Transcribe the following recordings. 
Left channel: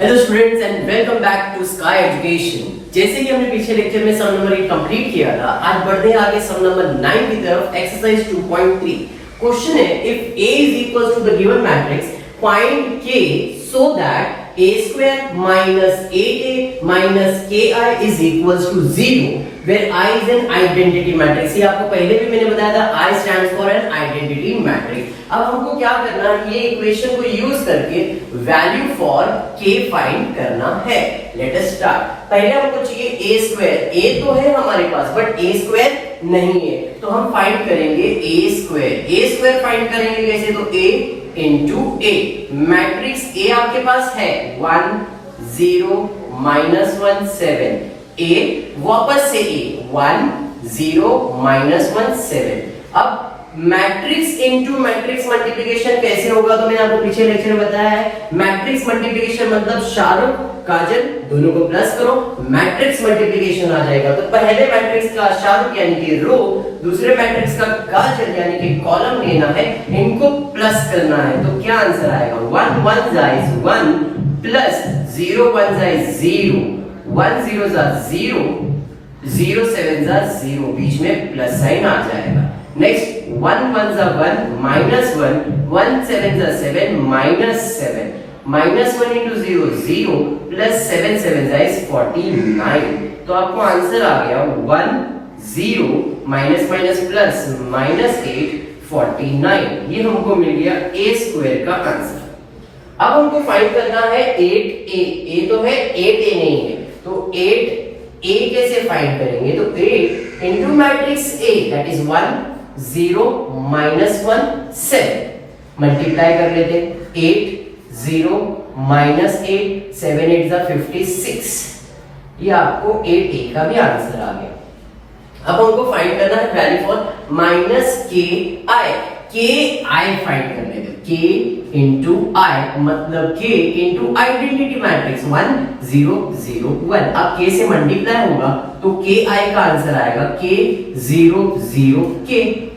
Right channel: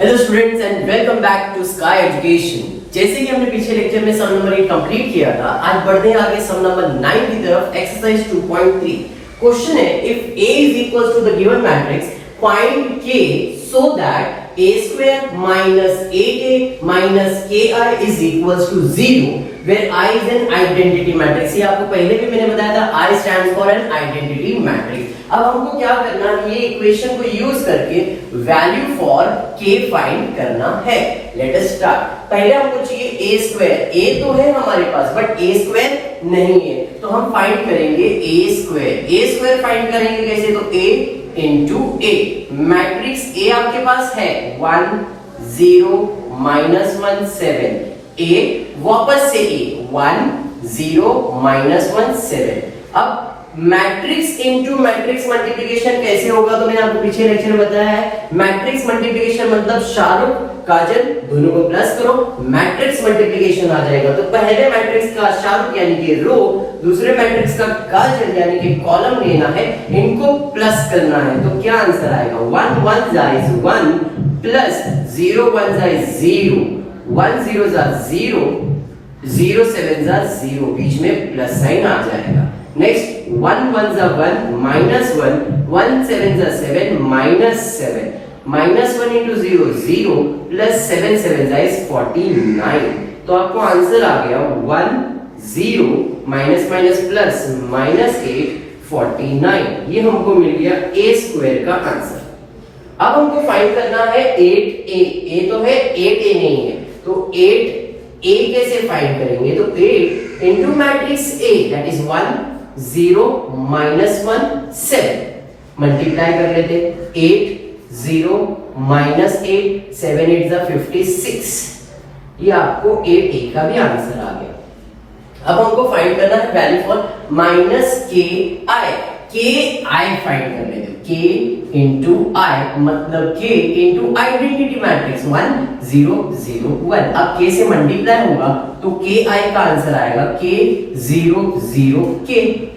Hello students and welcome back to sky education. जैसे कि हमने पिछले लेक्चर में सम नंबर 8 कंप्लीट किया था, आज बढ़ते हैं आगे सम नंबर 9 की तरफ। एक्सरसाइज 2.3 क्वेश्चन है, if A is equals to the given matrix, find K so that A square minus 8A minus KI is equals to 0 where I is an identity matrix। ये आपको पहले भी मैंने बताया था, I stands for an identity matrix। अब हमको क्या करना है, ये इक्वेशन को यूज करके वैल्यू फॉर K फाइंड करना है। Let us start. पहले हमको चाहिए A स्क्वायर। A तो है हमारे पास बट A स्क्वायर नहीं है, तो हम फाइंड करेंगे A square. A square find करेंगे कैसे, तो A into A। Matrix A आपके पास है 1 0 -1 7। A वापस से A 1 0 -1 7। अब मैट्रिक्स इनटू मैट्रिक्स मल्टीप्लिकेशन कैसे होगा, तो मैंने आपको पीछे लेक्चर में बताया है। मैट्रिक्स मल्टीप्लिकेशन मतलब शाहरुख काजल दोनों को प्लस करो, मैट्रिक्स मल्टीप्लिकेशन आ जाएगा। तो पहले मैट्रिक्स का शाहरुख यानी कि रो, दूसरे मैट्रिक्स का काजल यानी कि कॉलम लेना है, इनको प्लस करना है। तो क्या आंसर आएगा, 1 1 जाइज 1 प्लस 0 1 जाइज 0 1 0 जा 0 0 7 जा 0, बीच में प्लस साइन आ जाएगा। नेक्स्ट 1 1 जा 1 minus 1 1 7 जा 7 minus 7 minus 1 into 0 0 plus 7 7 जा 49। तो आपको आंसर आ गया 1 0 minus minus plus minus 8 49। ये हमको मिल गया A स्क्वायर का आंसर। अब हमको फाइंड करना है 8A। A तो है 8A नहीं है, तो 8A कैसे फाइंड करेंगे, तो 8 into matrix A that is 1 0 -1 7 multiply कर लेते, 8 0 -8 7 8 जा 56। ये आपको 8A का भी आंसर आ गया। अब हमको फाइंड करना है value for minus KI find कर लेंगे। K इंटू I मतलब K इंटू आइडेंटिटी मैट्रिक्स 1 0 0 1। अब K से मल्टीप्लाई होगा तो KI का आंसर आएगा K 0 0 K।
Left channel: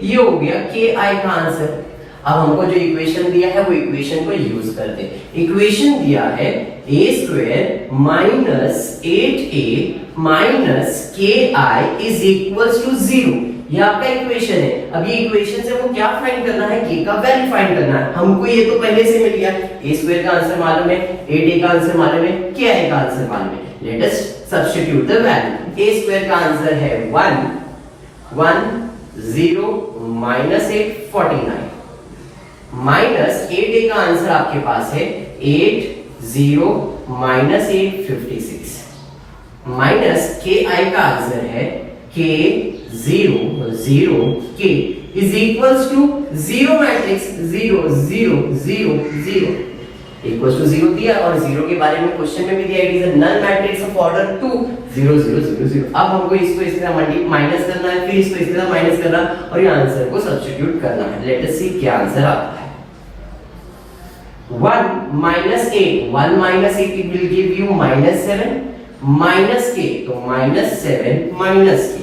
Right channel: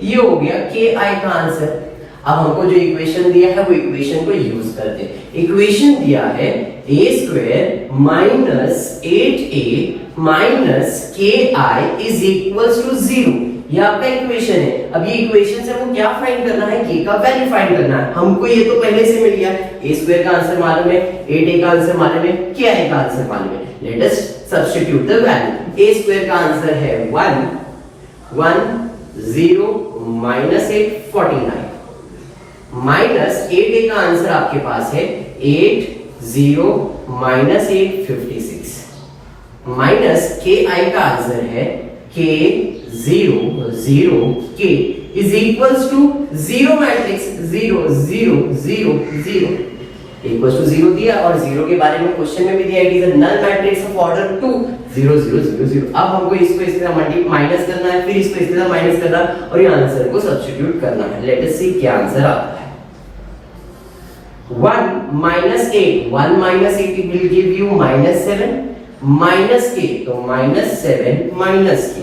ये हो गया KI का आंसर। अब हमको जो इक्वेशन दिया है वो इक्वेशन को यूज करते हैं। इक्वेशन दिया है A square minus 8A minus KI is equals to 0। ये आपका इक्वेशन है। अब ये इक्वेशन से हमको क्या फाइंड करना है, K का वैल्यू फाइंड करना है। हमको ये तो पहले से मिल गया, A स्क्वायर का आंसर मालूम है, 8A का आंसर मालूम है, KI का आंसर मालूम है। Let us substitute the value. A square का आंसर है 1 1 0 -8 49 माइनस 8A का आंसर आपके पास है 8 0 -8 56 माइनस KI का आंसर है K 0 0 K is equals to 0 matrix 0 0 0 0 equals to 0 दिया, और 0 के बारे में क्वेश्चन में भी दिया it is a null matrix of order 2 0 0 0 0। अब हमको इसको इसके साथ मल्टीप्लाई माइनस करना है, फिर इसको इसके साथ माइनस करना और ये आंसर को सब्स्टिट्यूट करना है। लेट अस सी क्या आंसर आता है। 1 -8 1 -8 will give you -7 minus K, तो -7 minus K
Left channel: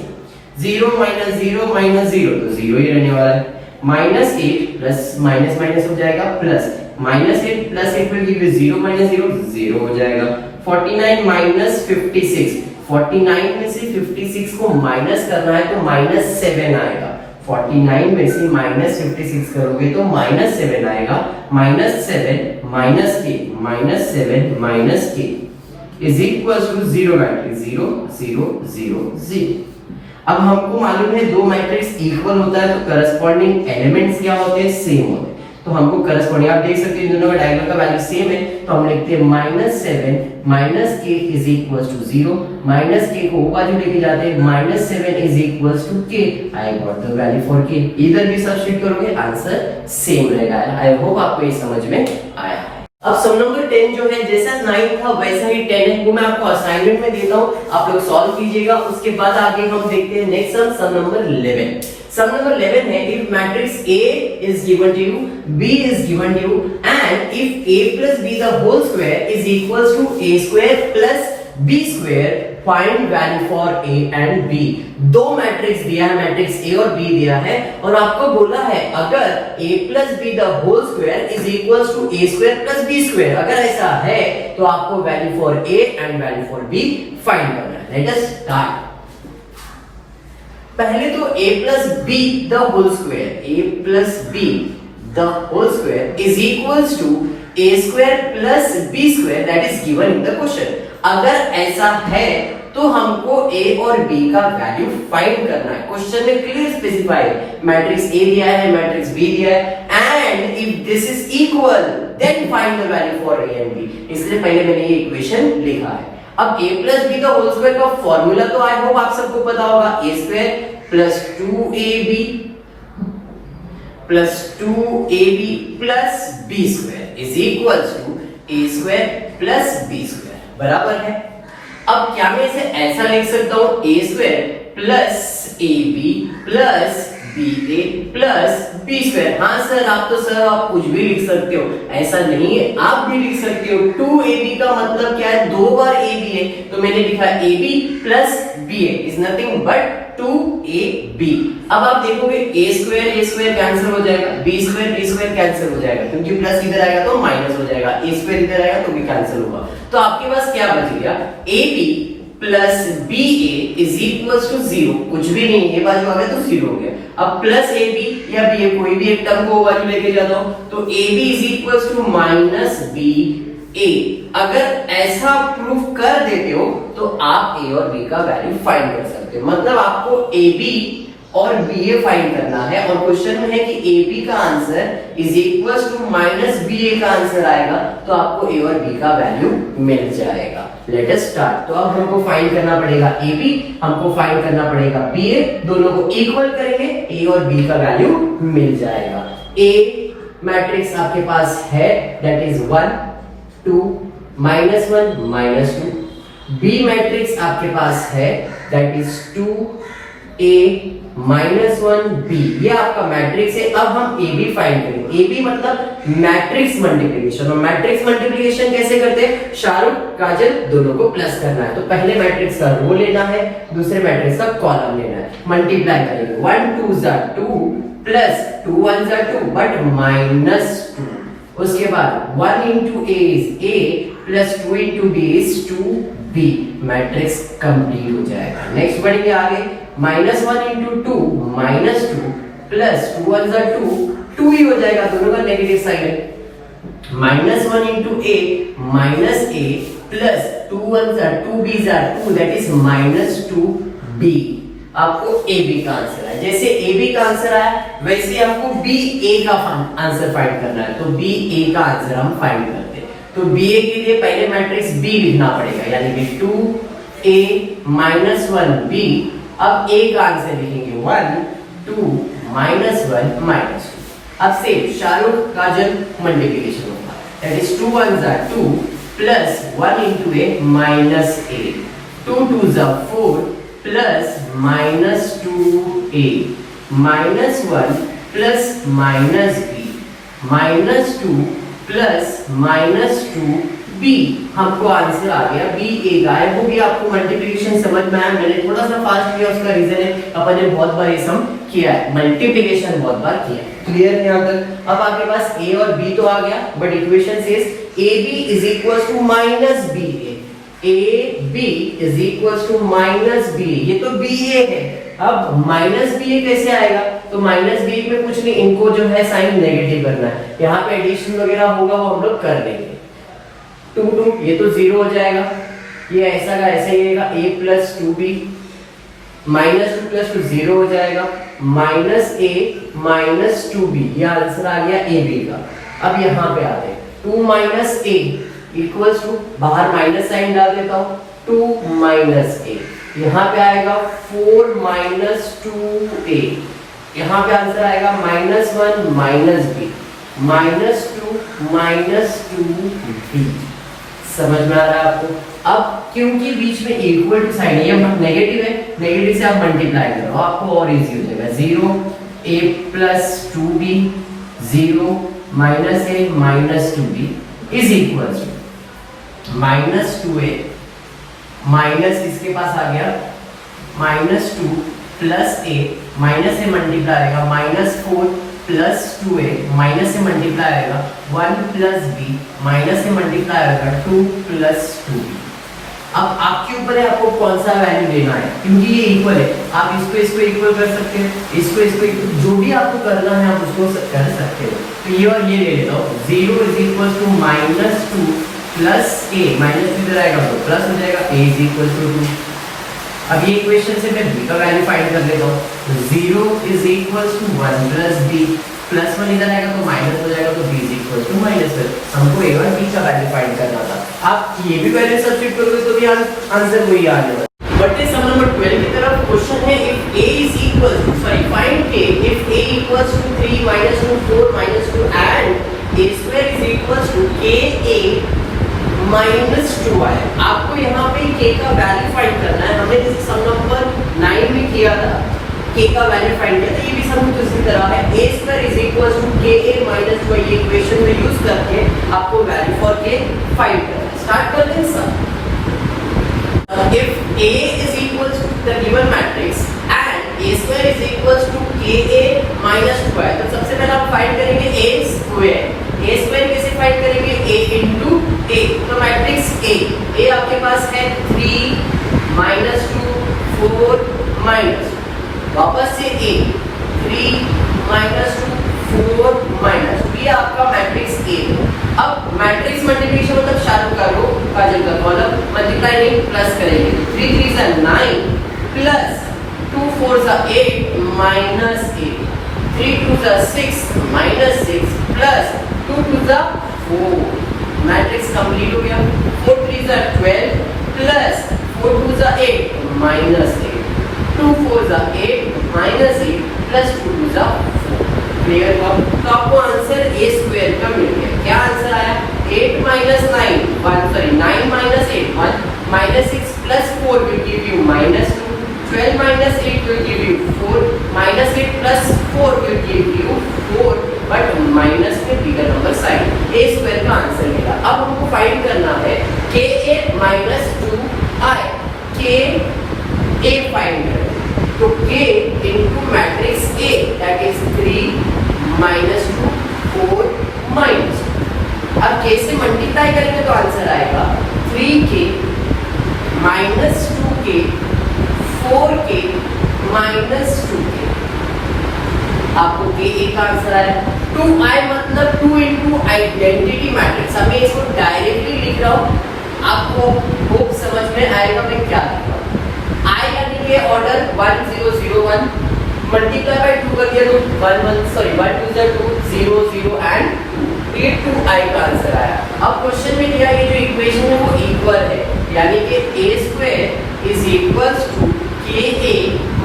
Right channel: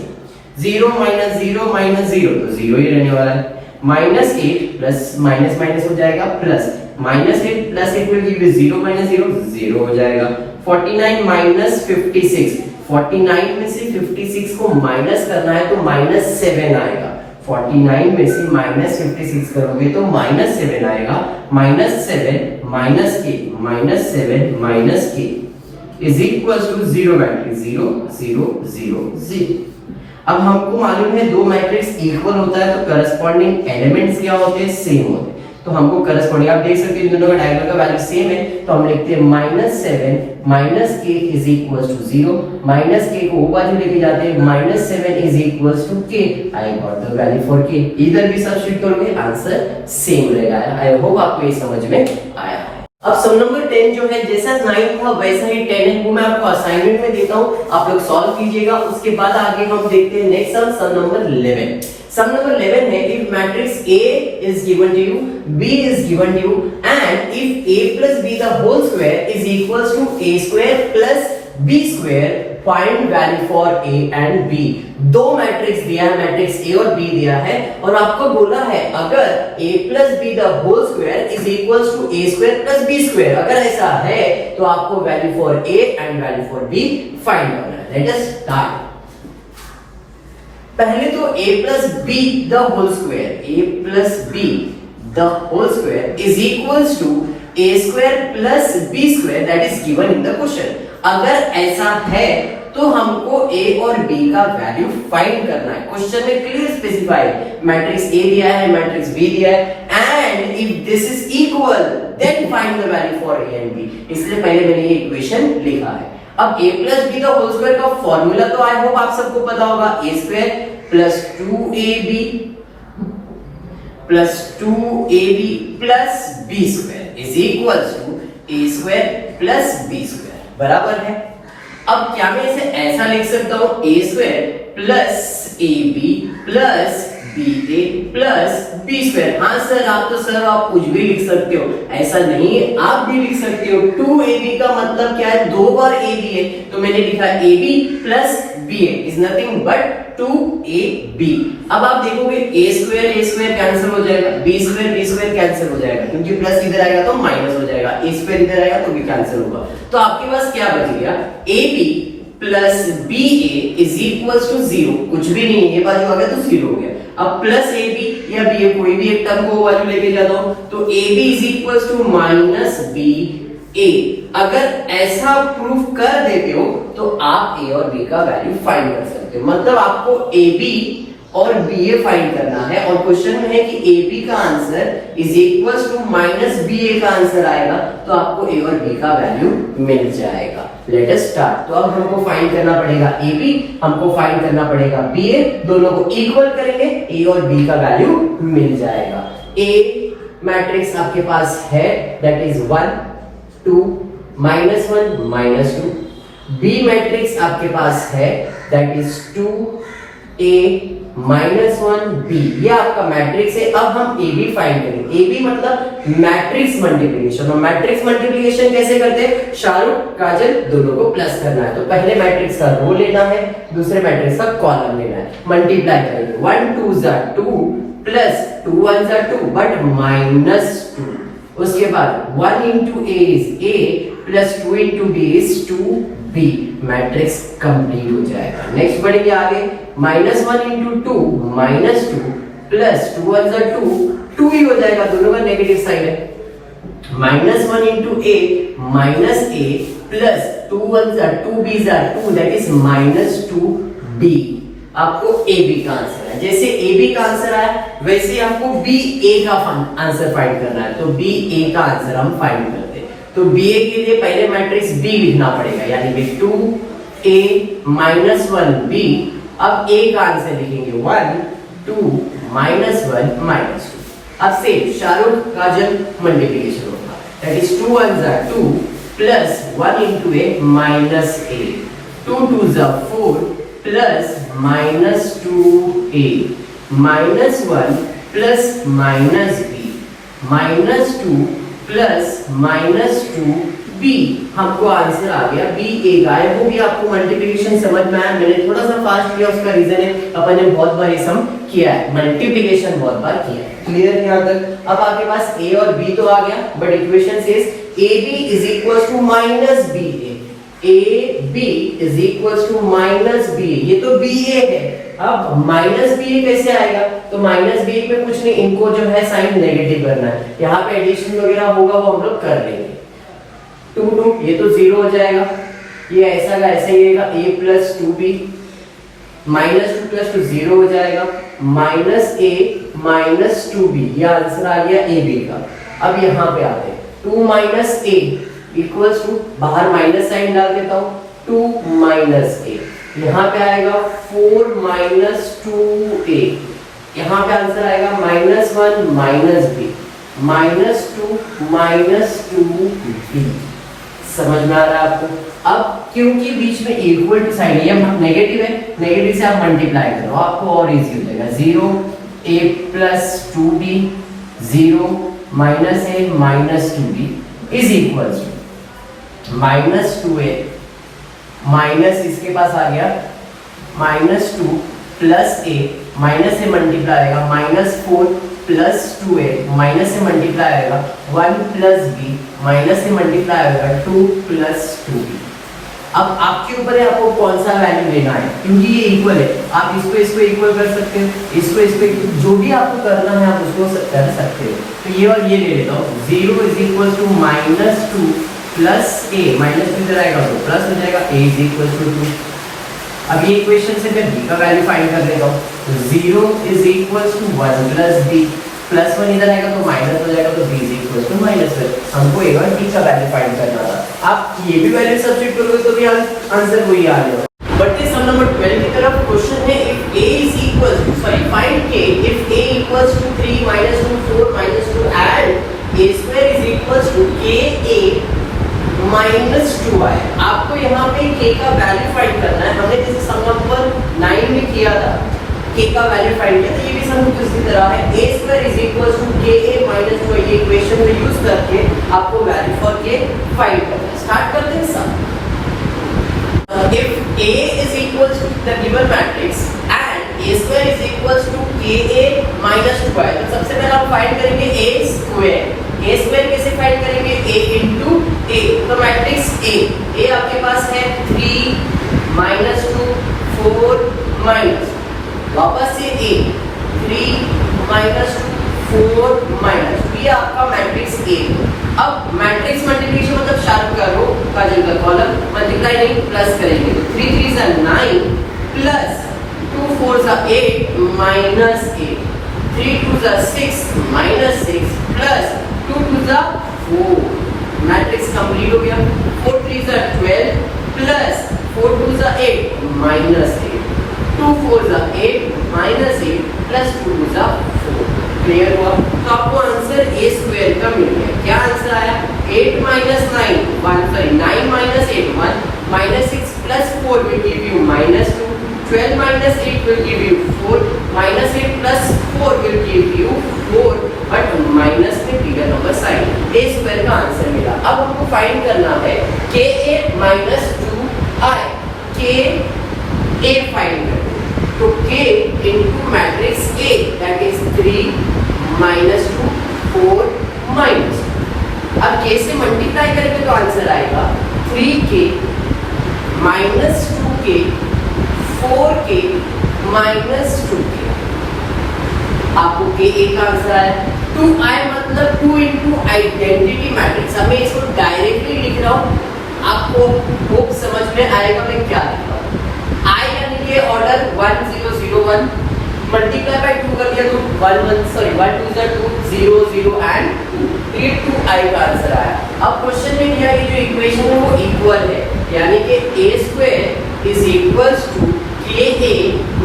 0 minus 0 minus 0 तो 0 ही रहने वाला है। -8 प्लस माइनस माइनस हो जाएगा plus -8 plus 8 will give you 0 minus 0 0 हो जाएगा। 49 minus 56 49 में से 56 को माइनस करना है तो -7 आएगा। 49 में से -56 करोगे तो -7 आएगा। -7 minus K -7 minus K is equals to 0 matrix 0 0 0 0। अब हमको मालूम है दो मैट्रिक्स इक्वल होता है तो करस्पॉन्डिंग एलिमेंट्स क्या होते हैं, सेम होते हैं। तो हमको करस्पॉन्डिंग आप देख सकते हैं दोनों का डायगोनल का वैल्यू सेम है, तो हम लिखते हैं -7 minus K is equals to 0 minus K को ऊपर लेके जाते हैं -7 is equals to K। I got the value for K। इधर भी सब्स्टिट्यूट करोगे आंसर सेम रहेगा। आई होप आपको ये समझ में आया है। अब सम नंबर 10 जो है जैसा 9 था वैसा ही 10 है, वो मैं आपको असाइनमेंट में देता हूँ, आप लोग सॉल्व कीजिएगा। उसके बाद आगे हम देखते हैं नेक्स्ट सम नंबर 11। सम नंबर 11 है, if matrix A is given to you, B is given to you and if A plus B the whole square is equals to A square plus B square, find value for A and B. दो matrix दिया है, matrix A और B दिया है, और आपको बोला है अगर a plus b the whole square is equal to a square plus b square, अगर ऐसा है तो आपको value for A and value for b find करना है। Let us start. पहले तो a plus b the whole square, a plus b the whole square is equals to a square plus b square that is given in the question. अगर ऐसा है तो हमको a और b का value find करना है। क्वेश्चन में क्लियर स्पेसिफाइड मैट्रिक्स a दिया है, मैट्रिक्स b दिया है, and if this is equal then find the value for a and b। इसलिए पहले मैंने ये इक्वेशन लिखा है। अब a प्लस बी का होल स्क्वायर का फॉर्मूला तो आई होप आप सबको पता होगा, a square plus 2ab plus 2ab plus b square is equal to a square plus b square बराबर है। अब क्या मैं इसे ऐसा लिख सकता हूं, a square plus ab plus ba plus b square. हाँ सर, आप कुछ भी लिख सकते हो, ऐसा नहीं है, आप भी लिख सकते हो। 2ab का मतलब क्या है, दो बार ab है, तो मैंने लिखा ab plus ba is nothing but 2ab। अब आप देखोगे a स्क्वायर कैंसिल हो जाएगा, b स्क्वायर कैंसिल हो जाएगा, क्योंकि प्लस इधर आएगा तो माइनस हो जाएगा, a स्क्वायर इधर आएगा तो भी कैंसिल होगा। तो आपके पास क्या बच गया, ab plus ba is equal to 0, कुछ भी नहीं है, ये बाजू आ गया तो 0 हो गया। अब प्लस ab या ba कोई भी एक टर्म को वैल्यू लेके जाता हूं तो ab is equal to minus ba। अगर ऐसा प्रूफ कर देते हो तो आप a और b का वैल्यू फाइंड कर सकते हो। मतलब आपको ab और ba फाइंड करना है, और क्वेश्चन में है कि ab का answer is equal to minus ba का आंसर आएगा, तो आपको a और b का वैल्यू मिल जाएगा। Late us start. तो अब हमको फाइंड करना पड़ेगा ab, हमको फाइंड करना पड़ेगा ba, दोनों को इक्वल करेंगे, a और b का वैल्यू मिल जाएगा। a मैट्रिक्स आपके पास है दैट इज 1 2 -1 -2। b मैट्रिक्स आपके पास है दैट इज 2a -1 b। ये आपका मैट्रिक्स है। अब हम a b फाइंड करेंगे। a b मतलब मैट्रिक्स मल्टीप्लिकेशन, और मैट्रिक्स मल्टीप्लिकेशन कैसे करते हैं, शाहरुख काजल दोनों को प्लस करना है। तो पहले मैट्रिक्स का रो लेना है, दूसरे मैट्रिक्स का कॉलम लेना है, मल्टीप्लाई करेंगे। 1 2 = 2 प्लस 2 1 = 2 बट -2। उसके बाद 1 into a is a plus 2 into b is 2b। Matrix complete हो जाएगा। नेक्स्ट बढ़ेंगे आगे, -1 into 2 -2 प्लस 2 1 = 2, 2 ही हो जाएगा, दोनों का नेगेटिव साइन है। -1 into a plus 2 1 = 2b = 2 that is -2b। आपको a b का आंसर है। जैसे a b का आंसर आया वैसे हमको b a का आंसर फाइंड करना है, तो b a का आंसर हम फाइंड करते हैं। तो b a के लिए पहले मैट्रिक्स b लिखना पड़ेगा, यानी कि 2a -1 b। अब a का आंसर लिखेंगे 1 2 -1 -2। अब से शाहरुख काजल मल्टीप्लिकेशन होगा, that is 2 1 = 2 plus 1 into a -a, 2 2 = 4 plus -2a, -1 plus -b, -2 plus -2b। हमको आंसर आ गया b a का है। वो भी आपको मल्टीप्लिकेशन समझ में आया, मैंने थोड़ा सा फास्ट किया, उसका रीजन है अपन ने बहुत बार ये सम किया है, मल्टीप्लिकेशन बहुत बार किया है। क्लियर है यहाँ तक? अब आपके पास a और b तो आ गया, but equation says ab is equal to -ba, ab is equal to -ba, ये तो ba है। अब -ba कैसे आएगा, तो -ba में कुछ नहीं, इनको जो है साइन नेगेटिव करना है, यहाँ पे एडिशन वगैरह होगा वो हम लोग कर देंगे। 2 2 ये तो 0 हो जाएगा, ये ऐसा का ऐसा ही रहेगा, a प्लस 2b -2 प्लस 2 0 हो जाएगा, -a -2b, ये आंसर आ गया ab का। अब यहाँ पे आते हैं 2 - a इक्वल्स टू, बाहर माइनस साइन डाल देता हूं, 2 - a, यहाँ पे आएगा 4 - 2a, यहाँ पे आंसर आएगा -1 -b -2 समझ में आ रहा है आपको? अब क्योंकि बीच में इक्वल टू साइन है, ये नेगेटिव है, नेगेटिव से आप मल्टीप्लाई करो, आपको और इजी हो जाएगा। 0 a plus 2b 0 -a -2b is equal to -2a minus इसके पास आ गया -2 प्लस ए, माइनस से मल्टीप्लाई आएगा -4 प्लस 2a, माइनस से मल्टीप्लाई आएगा 1 प्लस बी, माइनस से मल्टीप्लाई आएगा 2 प्लस 2b। अब आपके ऊपर है आपको कौन सा वैल्यू लेना है, क्योंकि ये इक्वल है, आप इसको इक्वल कर सकते हैं, इसको जो भी आपको करना है आप उसको कर सकते हो। तो ये और ये ले लेता हूँ, 0 इज इक्वल टू -2 प्लस ए, -2 जाएगा तो प्लस हो जाएगा, a इज इक्वल टू 2। अब ये इक्वेशन से मैं b का वैल्यू फाइंड कर लेता हूँ, तो 0 is equal to 1 plus b, plus 1 इधर आएगा तो माइनस हो जाएगा, तो b इज इक्वल टू -1। हमको a और b का वैल्यू फाइंड करना था। आप ये भी वैल्यू सब्स्टिट्यूट करोगे तो भी आंसर वही आ जाएगा। बट सम नंबर 12 की तरफ क्वेश्चन है, if a is equal to find k if a equals to 3 -2 4 -2 and a square is equals to ka -2 है। आपको यहाँ पे k का वैल्यू फाइंड करना है। हमने जैसे सम नंबर 9 में किया था, k का वैल्यू फाइंड किया था, ये भी सम उसी तरह है। a square is equal to ka -2, ये इक्वेशन में यूज करके आपको वैल्यू फॉर k फाइंड करना है। स्टार्ट करते हैं सम। if a is equal to the given matrix and a square is equal to ka -2 है, तो सबसे पहले हम फाइंड करेंगे a स्क्वायर। a स्क्वायर कैसे फाइंड करेंगे, a into a, तो मैट्रिक्स a आपके पास है 3 -2 4 माइनस, वापस से a 3 -2 4 माइनस, ये आपका मैट्रिक्स a। अब मैट्रिक्स मल्टीप्लिकेशन मतलब शार्प का रो का जगह कॉलम मल्टीप्लाई नहीं प्लस करेंगे, 3 3 से 9 प्लस 2 4 से 8 माइनस 8, 3 2 से 6 माइनस 6 प्लस 2 2 से 4, मैट्रिक्स कंप्लीट हो गया। 4 3 से 12 प्लस 4 2 से 8 माइनस 8, 2 4 से 8 माइनस 8 प्लस 2 से 4, क्लियर हुआ। तो आपको आंसर a स्क्वायर का मिल गया। क्या आंसर आया, 8 minus 9 9 minus 8 1 minus 6 plus 4 will give you -2, 12 minus 8 will give you 4, minus 8 plus 4 will give you 4, but minus में bigger number sign, a square का आंसर मिला। अब हमको फाइंड करना है ka minus 2i, ka find करें, तो k into matrix A, that is 3 minus 2 4 minus, अब k से मल्टीप्लाई करेंगे तो आंसर आएगा 3k minus 2k 4k minus 2k। आपको k a का आंसर आया। 2i मतलब 2 into आइडेंटिटी मैट्रिक्स, हमें इसको डायरेक्टली लिख रहा हूँ, आपको बुक समझ में आएगा मैं क्या लिखा। i यानी कि ऑर्डर 1 0 0 1 मल्टीप्लाई बाय 2 कर दिया तो 1 2 2 0 0 एंड 2, ये 2i का आंसर आया। अब क्वेश्चन में क्या है, जो इक्वेशन है वो इक्वल है, यानी कि a square is equals to ka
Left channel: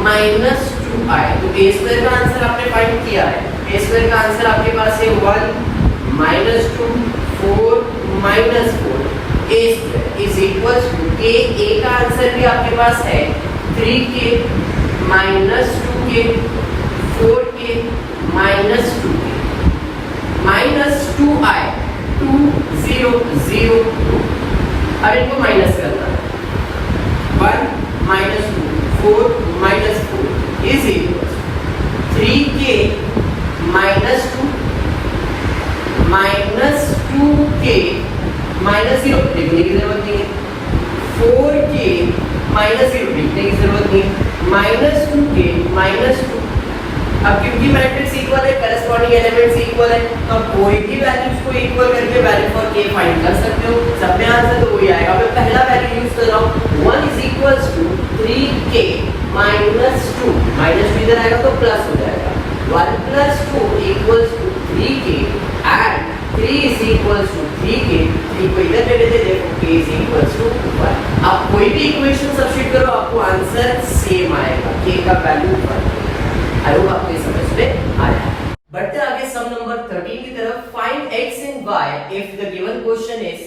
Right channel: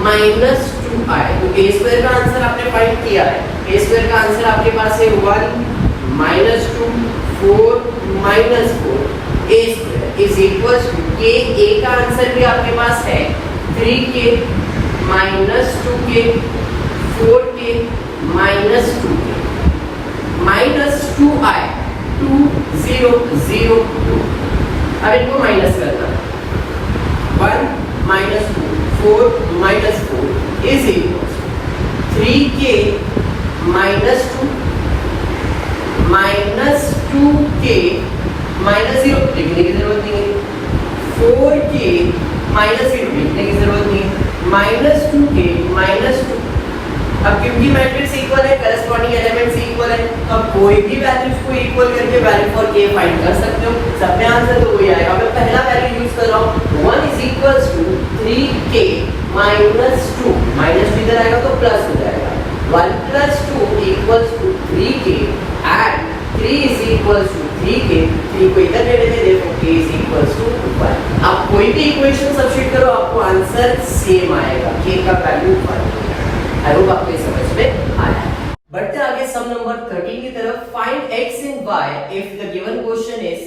minus 2i, तो a स्क्वायर का आंसर आपने फाइंड किया है। a स्क्वायर का आंसर आपके पास है 1 -2 4 -4, a square is equals to ka का आंसर भी आपके पास है 3k minus 2k 4k minus 2k minus 2i 2 0 0 2, अब इनको माइनस करना, 1 minus 2 4 minus 4 is equals 3k minus 2 minus 2k minus 0 लिखने की जरूरत नहीं है, 4k minus 0 लिखने की जरूरत नहीं है, minus 2k minus 2। अब क्योंकि मैट्रिक्स इक्वल है, करस्पॉन्डिंग एलिमेंट्स इक्वल है, तो अब कोई भी वैल्यूज को इक्वल करके वैल्यू फॉर k फाइंड कर सकते हो, सब में आंसर तो वही आएगा। मैं पहला वैल्यू यूज कर रहा हूं, 1 is equals to 3k minus 2, minus इधर आएगा तो प्लस हो जाएगा, 1 plus 2 equals to 3k and 3 is equals to 3k, 3 को इधर ले लेते हैं, k is equals to 1। आप कोई भी इक्वेशन सब्स्टिट्यूट करो आपको आंसर सेम आएगा, k का वैल्यू 1। आई होप आपको ये समझ में आया। बढ़ते आगे सम नंबर 13 की तरफ, find x and y if the given question is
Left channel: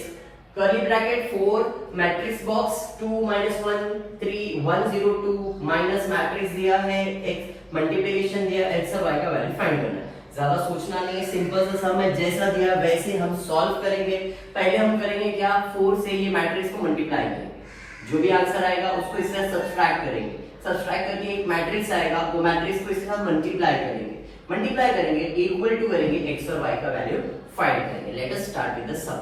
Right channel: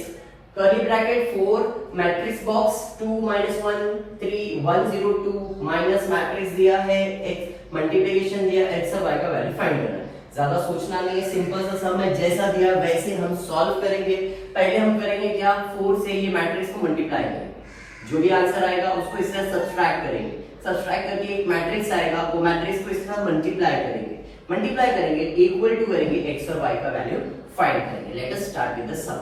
curly bracket 4 matrix box 2 -1 3 1 0 2 minus matrix दिया है, x मल्टीप्लिकेशन दिया, x और y का वैल्यू फाइंड करना। ज्यादा सोचना नहीं है, सिंपल सा सम है, जैसा दिया वैसे हम सॉल्व करेंगे। पहले हम करेंगे क्या, 4 से ये मैट्रिक्स को मल्टीप्लाई करेंगे, जो भी आंसर आएगा उसको इससे सब्सट्रैक्ट करेंगे, सब्सट्रैक्ट करके एक मैट्रिक्स आएगा, वो मैट्रिक्स को इसके साथ मल्टीप्लाई करेंगे इक्वल टू करेंगे x और y का वैल्यू फाइंड करेंगे। Let us start with the sum.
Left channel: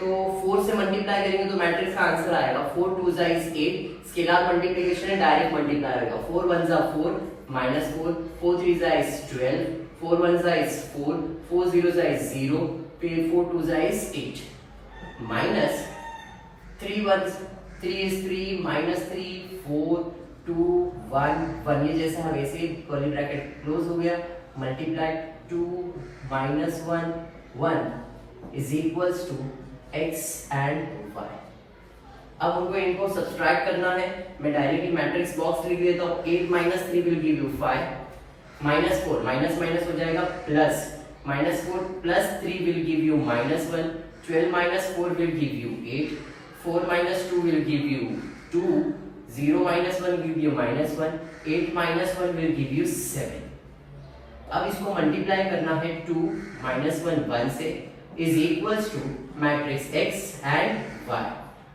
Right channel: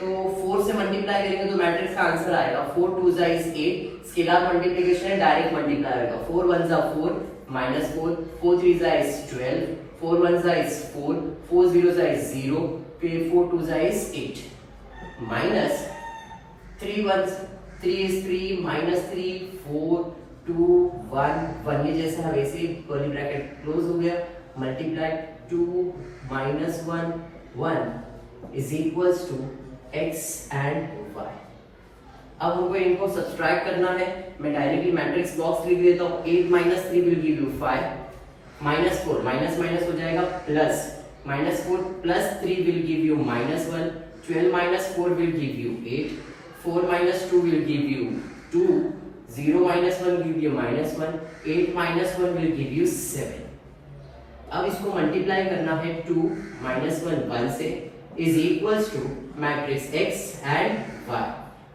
तो 4 से मल्टीप्लाई करेंगे तो मैट्रिक्स का आंसर आएगा 4 2 is 8, स्केलर मल्टीप्लिकेशन है, डायरेक्ट मल्टीप्लाई आएगा 4 1 4 -4, 4 3 is 12, 4 1 is 4, 4 0 is 0, फिर 4 2 is 8, माइनस 3 1 3 is 3 -3 4 2 1 1, ये जैसे हम ऐसे कर्ली ब्रैकेट क्लोज हो गया, multiply 2 -1 1 is equals to x and y। अब हमको इनको सब्सट्रैक्ट करना है, मैं डायरेक्टली मैट्रिक्स बॉक्स लिख देता हूँ। 8 - 3 will give you 5, -4 minus minus हो जाएगा plus, -4 + 3 will give you -1, 12 - 4 will give you 8, 4 - 2 will give you 2, 0 - 1 give you -1, 8 - 1 will give you 7। अब इसको मल्टीप्लाई करना है 2 - 1 1 से is equals to matrix x and y।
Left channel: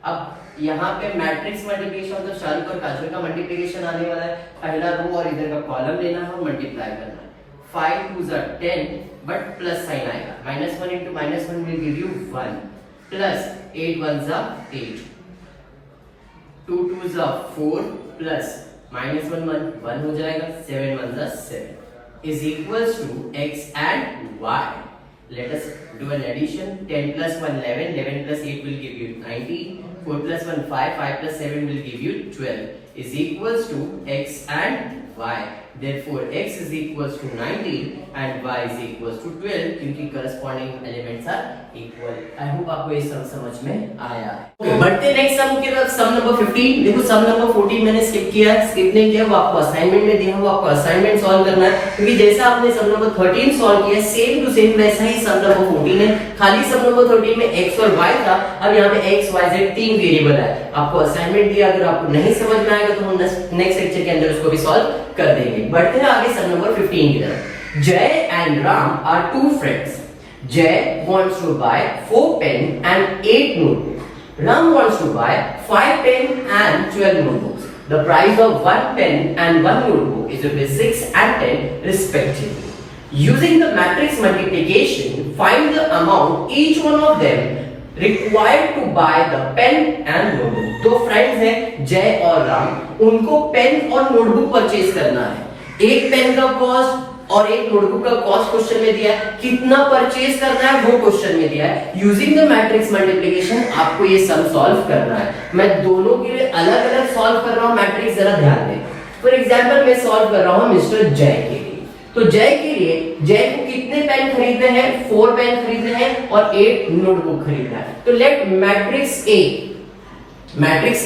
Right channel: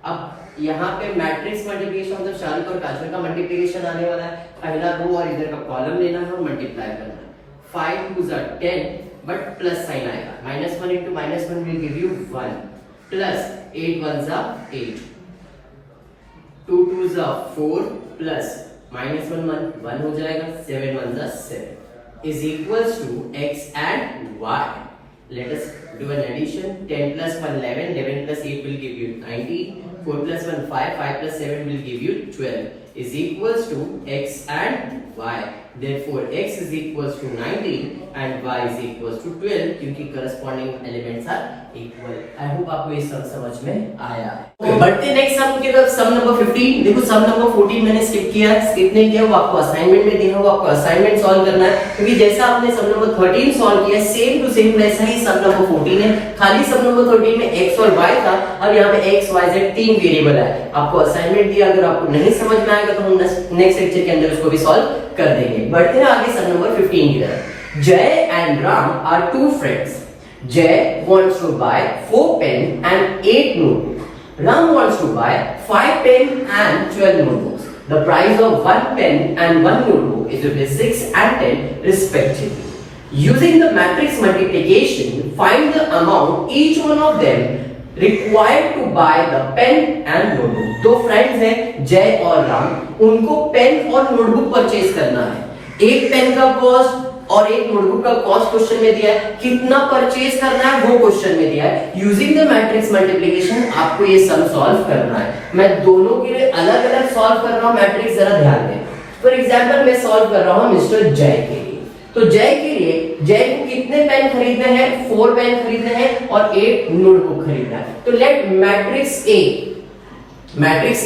अब यहाँ पे मैट्रिक्स मल्टीप्लिकेशन तो शाहरुख और काजल का मल्टीप्लिकेशन आने वाला है, पहला रो और इधर का कॉलम लेना है और मल्टीप्लाई करना है। 5 2 are 10 बट प्लस साइन आएगा, -1 into -1 will give you 1, plus 8 1 are 8, 2 2 are 4, plus -1 1 हो जाएगा, 7 1 are 7 is equals to x and y। Let us do an addition। 10 + 1 11, 11 + 8 will give you 19, 4 + 1 5, 5 + 7 will give you 12 is equals to x and y। Therefore x is equals to 19 and y is equals to 12 क्योंकि corresponding elements are equal। I hope आपको ये सब समझ में आया है। बढ़ते next sum की तरफ, सम नंबर 15। देखो सम नंबर 14 मैंने स्किप नहीं किया, वो आपको असाइनमेंट में दिया हुआ, आपको असाइनमेंट सॉल्व करना है, क्योंकि जैसा आपने सम नंबर 13 सॉल्व किया सेम टू सेम वैसा ही सम नंबर 14 है, खाली सम नंबर 13 में x और y था, अब यहाँ पे x y z 3 वेरिएबल है। आपको असाइनमेंट दिया, अगर आपको नहीं समझ में आएगा तो हम नेक्स्ट लेक्चर के अंदर उसको भी सॉल्व कर देंगे। बढ़ते हैं आगे सम नंबर 15 की तरफ। Jay and Ram are two friends. Jay wants to buy 4 pen and 8 notebooks. Ram wants to buy 5 pen and 12 notebooks. The price of 1 pen and 1 notebook is rupees 6 and 10 respectively. Using the matrix multiplication, find the amount each one of them required to buy the pen and notebook। दो friends हैं जय और राम, उनको pen और notebook purchase करना है। एक pen का कॉस्ट और एक नोटबुक का कॉस्ट क्वेश्चन में दिया है, कितना परचेज करना है वो क्वेश्चन में दिया है। यूजिंग द मैट्रिक्स मल्टीप्लिकेशन आपको ये सम सॉल्व करना है। मैं दोनों के लिए अलग अलग सॉल्व कर रहा हूं, मैट्रिक्स जरा ध्यान दें। फॉर एग्जांपल मैं सॉल्व कर रहा हूं मिस्टर जय के लिए, तो जय के लिए जय को कितने पेन खरीदने हैं, 4 पेन खरीदने हैं और 8 नोटबुक खरीदना है। तो लेट मैट्रिक्स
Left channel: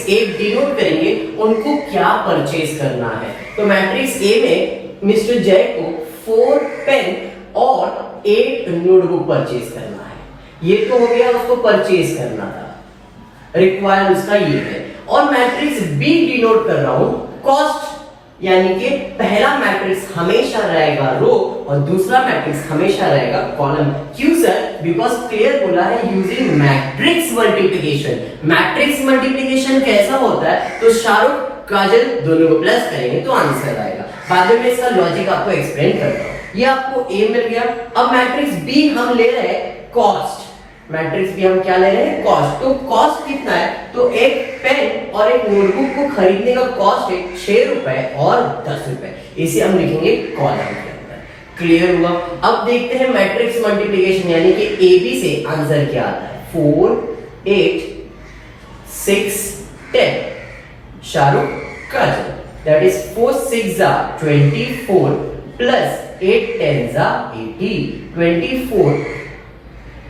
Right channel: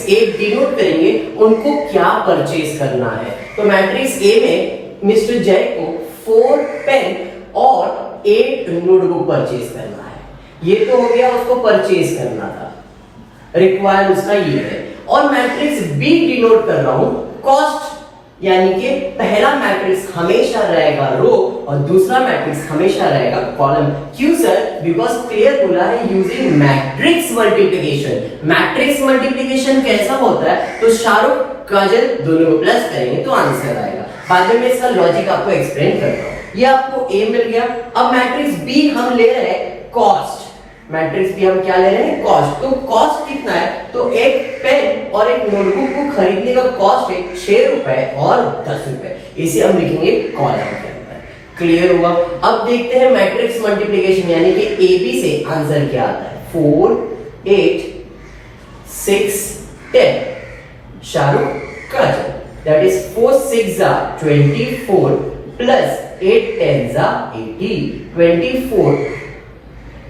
ए डिनोट करेंगे उनको क्या परचेज करना है। तो मैट्रिक्स ए में मिस्टर जय को 4 पेन और 8 नोटबुक परचेज करना है। ये तो हो गया उसको परचेज करना था, रिक्वायर्ड उसका ये है। और मैट्रिक्स बी डिनोट कर रहा हूं कॉस्ट, यानी कि पहला मैट्रिक्स हमेशा रहेगा रो और दूसरा मैट्रिक्स हमेशा रहेगा कॉलम। क्यों सर? बिकॉज क्लियर बोला है using matrix multiplication. Matrix multiplication कैसा होता है, तो शाहरुख काजल दोनों को प्लस करेंगे तो आंसर आएगा। बाद में इसका लॉजिक आपको एक्सप्लेन करता हूं। ये आपको ए मिल गया। अब मैट्रिक्स बी हम ले रहे हैं कॉस्ट, मैट्रिक्स भी हम क्या ले रहे हैं कॉस्ट। तो कॉस्ट कितना है, तो एक पेन और एक नोटबुक को खरीदने का कॉस्ट है 6 रुपए और 10 रुपए। इसे हम लिखेंगे कॉलम के अंदर। क्लियर हुआ? अब देखते हैं मैट्रिक्स मल्टीप्लिकेशन, यानी कि ए बी से आंसर क्या आता है। 4 8 6 10 शाहरुख काजल, that is 4 6 24 plus 8 10 80,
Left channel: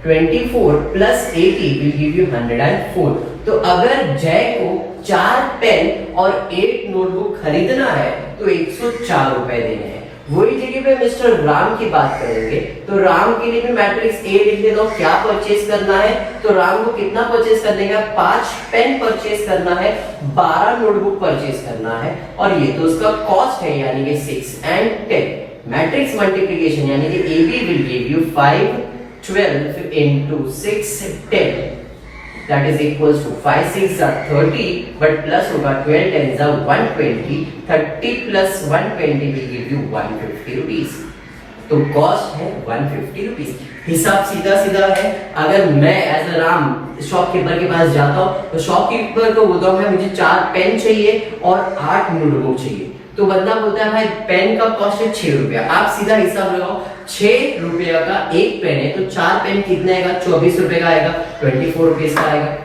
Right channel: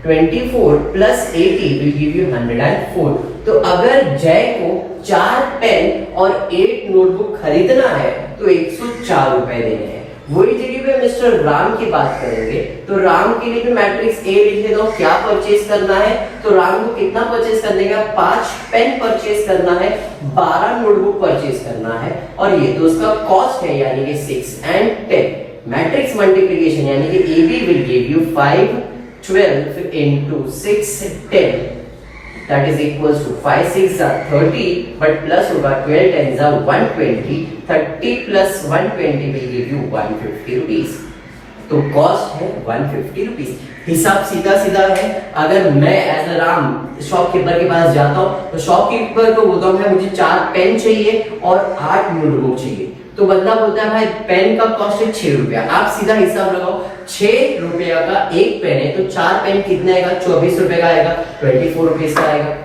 24 plus 80 will give you 104। तो अगर जय को 4 पेन और 8 नोटबुक खरीदना है तो 104 रुपए देने हैं। वही जगह पे मिस्टर राम की बात करेंगे, तो राम के लिए भी मैट्रिक्स ए लिख देता हूं। क्या परचेज करना है, तो राम को कितना परचेज करने का, 5 पेन परचेज करना है, 12 नोटबुक परचेज करना है और ये तो उसका कॉस्ट है, यानी कि 6 and 10। मैट्रिक्स मल्टीप्लिकेशन यानी कि a b will give you 5 12 into 6 10 that is equals to 5 6 are 30 but plus होगा 12 10 are 120, 30 plus 120 will give you 150 rupees. तो कॉस्ट है 150 रुपीज। हिसाब सीधा सीधा है। अगर मैं एज अ राम शॉपकीपर के पास जाता हूँ तो शॉपकीपर को बोलता हूँ मुझे 4 पेन चाहिए और 8 नोटबुक चाहिए, तो बंदा बोलता है भाई पेन का कॉस्ट है 6 रुपया। आप सीधा हिसाब लगाओ, 6 रुपया का एक पेन है तो 4 पेन कितना आएगा, 24 रुपए का आएगा, 24 रुपीज का आएगा।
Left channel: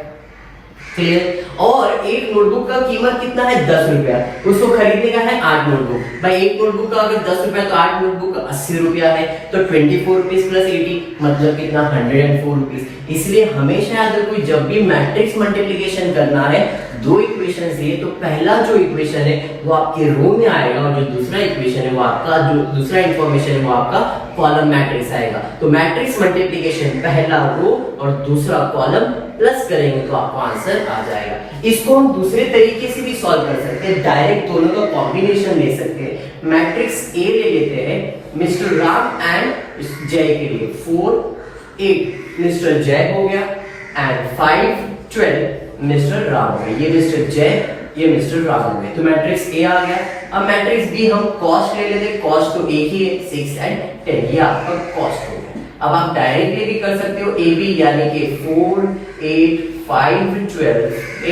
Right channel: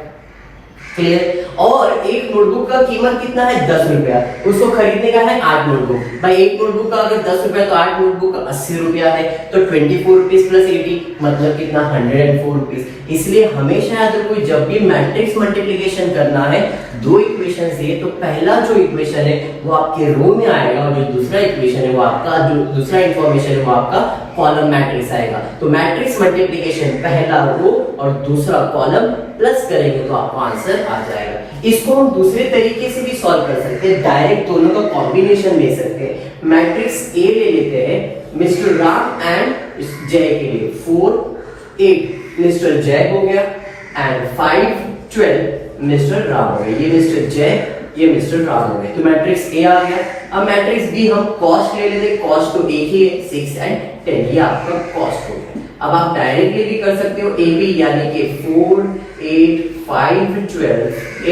क्लियर। और एक नोटबुक का कीमत कितना है, 10 रुपया। उसको खरीदने का है 8 नोटबुक। भाई एक नोटबुक का अगर 10 रुपया तो 8 नोटबुक का 80 रुपया है, तो 24 रुपीज प्लस 80 मतलब कितना, 104 रुपीज। इसलिए हमेशा याद रखो जब भी मैट्रिक्स मल्टीप्लिकेशन करना है, दो इक्वेशन दिए तो पहला जो इक्वेशन है वो आपके रो में आएगा और जो दूसरा इक्वेशन है वो आपका, जो दूसरा इंफॉर्मेशन है वो आपका कॉलम मैट्रिक्स आएगा। तो मैट्रिक्स मल्टीप्लिकेशन पहला रो और दूसरा कॉलम प्लस करेंगे तो आपको आंसर आ जाएगा। इसको हम दूसरे तरीके से भी सॉल्व कर सकते हैं, डायरेक्ट दोनों का कॉम्बिनेशन ले सकते हैं। मैट्रिक्स ए ले लेते हैं मिस्टर राम एंड जय के लिए, 4 8 मिस्टर जय हो गया एंड 5 12 मिस्टर राम हो गया। ये मिस्टर जय, ये मिस्टर राम हो गए, तो मैट्रिक्स ए आ गया। अब मैट्रिक्स बी हम कॉस्ट ले लेते, कॉस्ट तो एक ही है, 6 एंड 10, ये आपका कॉस्ट हो गया। अब आप डायरेक्टली भी कर सकते हो, ए बी यानी कि 4 8 5 12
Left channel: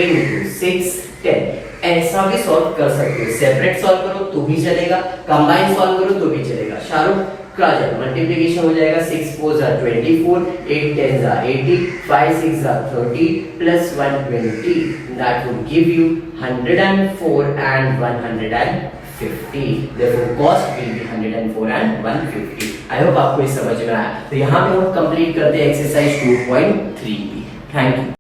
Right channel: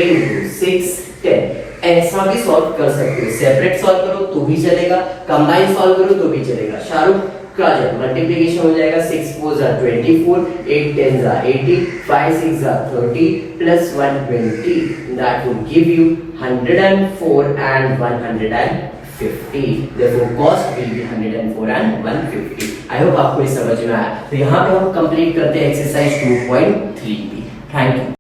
into 6 10, ऐसा भी सॉल्व कर सकते हो। सेपरेट सॉल्व करो तो भी चलेगा, कंबाइन सॉल्व करो तो भी चलेगा। शाहरुख का जब मल्टीप्लिकेशन हो जाएगा 6 4 are 24, 8 10 are 80, 5 6 are 30 plus 120, that will give you 104 and 150. Therefore cost will be 104 and 150. I hope आपको ये समझ में आया। तो यहाँ पे हम कंप्लीट करते हैं एक्सरसाइज 2.3 की। Thank you.